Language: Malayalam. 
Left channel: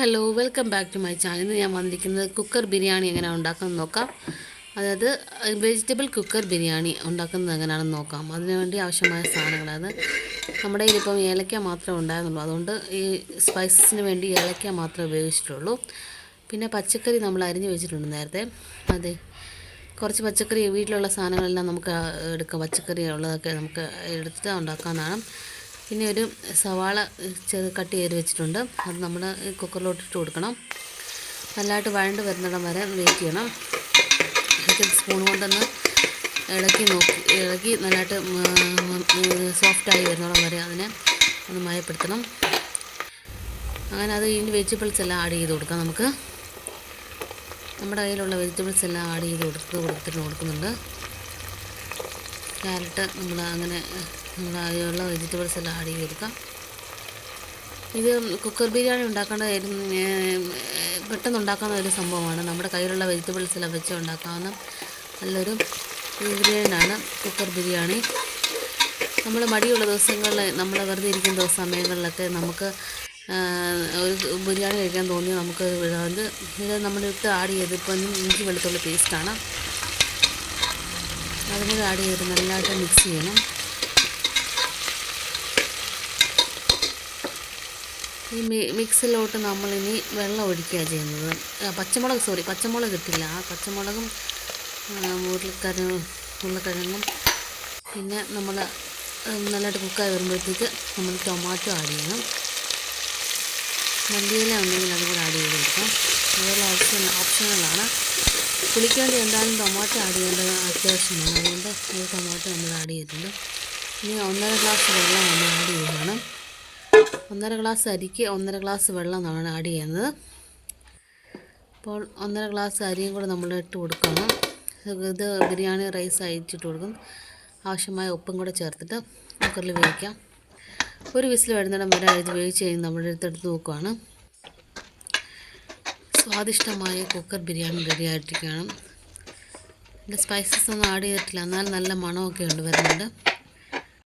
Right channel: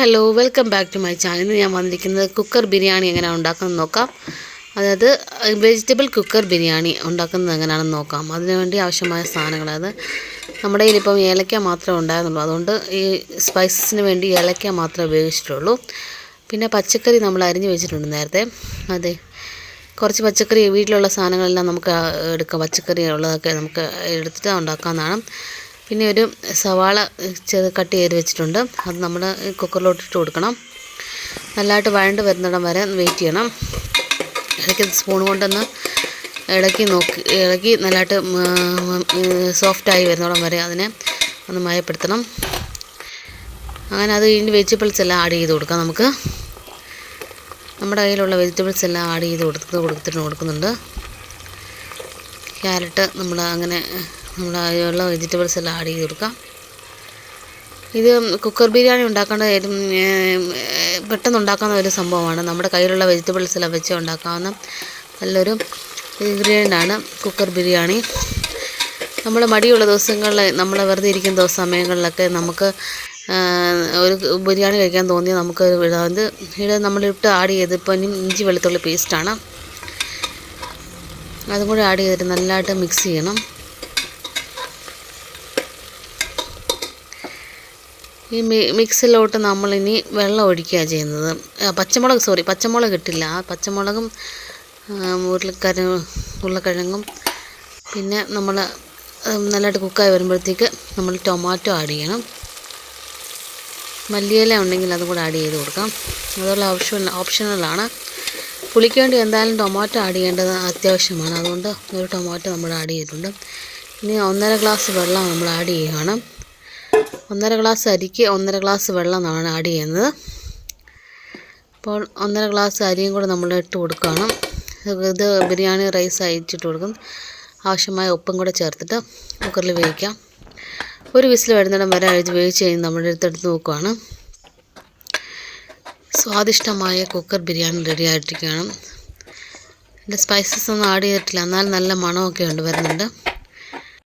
Hello welcome back to my channel ഇന്ന് ഞാൻ വന്നിരിക്കുന്നത് കുക്കർ ബിരിയാണി എങ്ങനെയാണ് ഉണ്ടാക്കുന്നത് നോക്കാം. അതായത് വെജിറ്റബിൾ കുക്കർ ബിരിയാണി ഉണ്ടാക്കുന്നത് എങ്ങനെയാണെന്ന് നോക്കാം. അതിനുവേണ്ടി ആവശ്യമായ സാധനങ്ങൾ അത്. നമ്മുടെ കയ്യിലിപ്പം ഏലക്ക മാത്രമേ ഉണ്ടായിരുന്നുള്ളൂ. അതുകൊണ്ട് ഈ സ്പൈസസിന് വേണ്ടി ഏലക്ക മാത്രമേ ഉപയോഗിച്ചിട്ടുള്ളൂ. പിന്നെ പച്ചക്കറി നമ്മൾ അരിഞ്ഞ് വെച്ചിട്ടുണ്ട് നേരത്തെ. അതെ കുറച്ച് പച്ചക്കറി വീട്ടിലുള്ള സാധനങ്ങളെല്ലാം നമുക്ക് എടുക്കാം. പച്ചക്കറി ഉള്ളതൊക്കെ നമുക്ക് എടുത്തിട്ട് ഉണ്ടാക്കാവുന്നതാണ്. പിന്നെ ഒരു സവാള ചെറു കട്ട് ചെയ്ത് വെച്ചിട്ടുണ്ട്. അത് നമ്മൾ കുക്കറിലോട്ട് ഇട്ട് കൊടുക്കണം. നല്ലതായിട്ട് വഴണ്ട് വരുന്നിടം വരെ വെയിറ്റ് ചെയ്യണം. ഇടയ്ക്ക് സ്പൂൺ കൊണ്ടൊന്ന് ഇളക്കി നോക്കി ഇളക്കി നല്ലതായിട്ട് സോഫ്റ്റായി വരുന്നിടം വരെ അതിനെ ഒന്ന് മയപ്പെടുത്തണം. അങ്ങനെ അത് കഴിഞ്ഞ് വെജിറ്റബിൾസ് എല്ലാം ആഡ് ചെയ്ത് കൊടുക്കാം നമുക്ക്. നമ്മുടെ കയ്യിലുള്ള വെജിറ്റബിൾസ് എല്ലാം ആഡ് ചെയ്ത് കൊടുത്ത് കൊടുത്തിട്ട് കൊടുക്കുന്നുണ്ട്. ക്യാരറ്റ് നമ്മൾ അങ്ങനെ നമ്മൾ അതിലുള്ള വെജിറ്റബിൾസ് എല്ലാം ആഡ് ചെയ്ത് കൊടുക്കാം. ഇത് കുക്കർ ബിരിയാണി ഉണ്ടാക്കേണ്ട പെട്ടെന്ന് ഉണ്ടാക്കാവുന്ന ഒരു സംഭവമാണ്. നമ്മുടെ കയ്യിലുള്ള വെജിറ്റബിൾസ് എല്ലാം വെച്ച് ഉണ്ടാക്കാവുന്ന നല്ലൊരു ഇൻഗ്രീഡിയന്റാണ് കുക്കർ ബിരിയാണി. നമ്മൾ മടിയുള്ള ദിവസങ്ങളിൽ നമ്മൾ വെറുതെ ഇരിക്കുന്ന സമയങ്ങളിലൊക്കെ നമുക്ക് ഒരു ബിരിയാണി കഴിക്കാൻ തോന്നിയാൽ നമുക്ക് ഇത് നമ്മളിട്ട് ആഡ് ചെയ്ത് ഇപ്പം ഇഞ്ചി വെളുത്തുള്ളി പേസ്റ്റാണ് അതും കൂടി ആഡ് ചെയ്തിട്ട് നല്ലതായിട്ട് മിക്സ് ചെയ്യണം. ഈ മിക്സിലോട്ട് നമ്മളിനി വെള്ളം ഒഴിക്കുക ചെയ്യുന്നത്. പച്ചമുളക് സോറി പച്ചമുളക് ഇട്ടില്ല. ആ പച്ചമുളകും ഉരുളക്കിഴ ഉരുളക്കിഴങ്ങും പിന്നെ നമ്മൾ നല്ലതായിട്ട് കുക്കായി വരുമ്പോഴത്തേക്ക് നമ്മൾ ടൊമാറ്റോ ആഡ് ചെയ്യണം. മല്ലിയില ഉണ്ടെങ്കിൽ അതും കൂടെ ആഡ് ചെയ്ത് കൊടുക്കാം. അതുള്ള ഓപ്ഷൻ ഓപ്ഷനുകളാണ് പുളിക്ക് വേണ്ടി എന്തായാലും ടൊമാറ്റോ ആഡ് ചെയ്യേണ്ടത് അത്യാവശ്യമാണ്. അതുകൊണ്ട് ഒരു ടൊമാറ്റോ നമ്മൾ ആഡ് ചെയ്തിട്ടുണ്ട്. ഇനി ഒന്നര ഗ്ലാസ് വെള്ളം നമ്മൾ ആഡ് ചെയ്യുകയാണ്. ഒന്നര ഗ്ലാസ് അരിക്ക് ഒന്നര ഗ്ലാസ് വെള്ളം നമ്മൾ ആഡ് ചെയ്യുന്നത്. അപ്പോൾ ഒന്നര ഗ്ലാസ് അരിയും കൂടെ നമ്മൾ ഇട്ട് കൊടുക്കുകയാണ്. ഇത് ബിരിയാണി റൈസ് അയച്ചിട്ട് കൊടുക്കും. ആവശ്യമായ ഉപ്പും കൂടെ ചേർത്തിട്ട് കുക്കറിൽ വേവിക്കാം. ഒരു വിസിൽ വരുന്നിടം വരെ അഴിച്ച് വേവിച്ച് കഴിഞ്ഞ് നമ്മുടെ നോക്കുവാണ്. സ്വാദിഷ്ടമായ കുക്കർ ബിരിയാണി റെഡി ആയിട്ടിരിക്കുകയാണ്. എന്റെ സ്പൈസസ് ഒന്നും ആഡ് ചെയ്തിട്ടില്ല. എന്നാൽ നല്ല മണമൊക്കെ ഉണ്ട് വരുന്നുണ്ട്.